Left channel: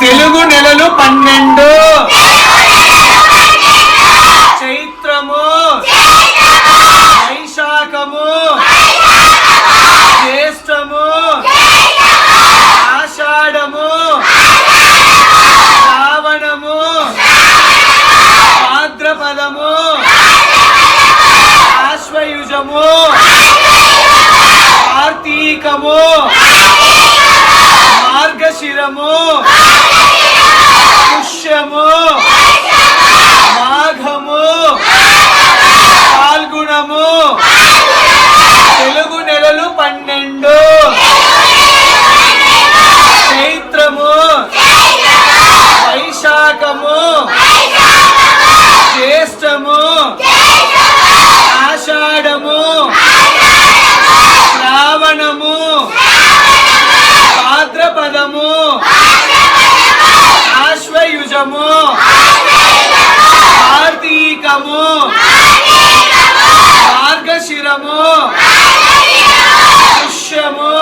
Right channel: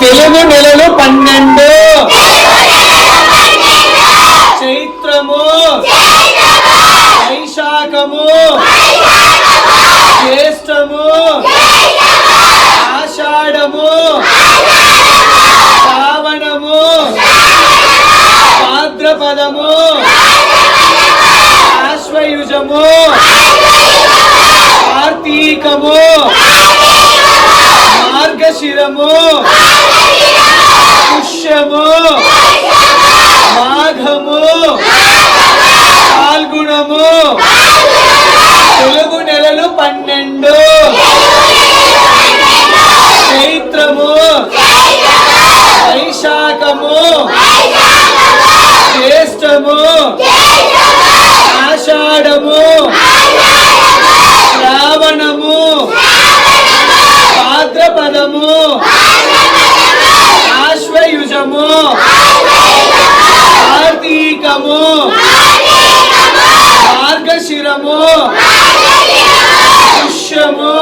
తెలుగు నెలలు 12 చైత్రము వైశాఖము జ్యేష్ఠము ఆషాఢము శ్రావణము భాద్రపదము ఆశ్వయుజము కార్తీకము మార్గశిరము పుష్యము మాఘము పాల్గుణము తెలుగు నెలలు 12 చైత్రము వైశాఖము జ్యేష్ఠము ఆషాఢము శ్రావణము భాద్రపదము ఆశ్వయుజము కార్తీకము మార్గశిరము పుష్యము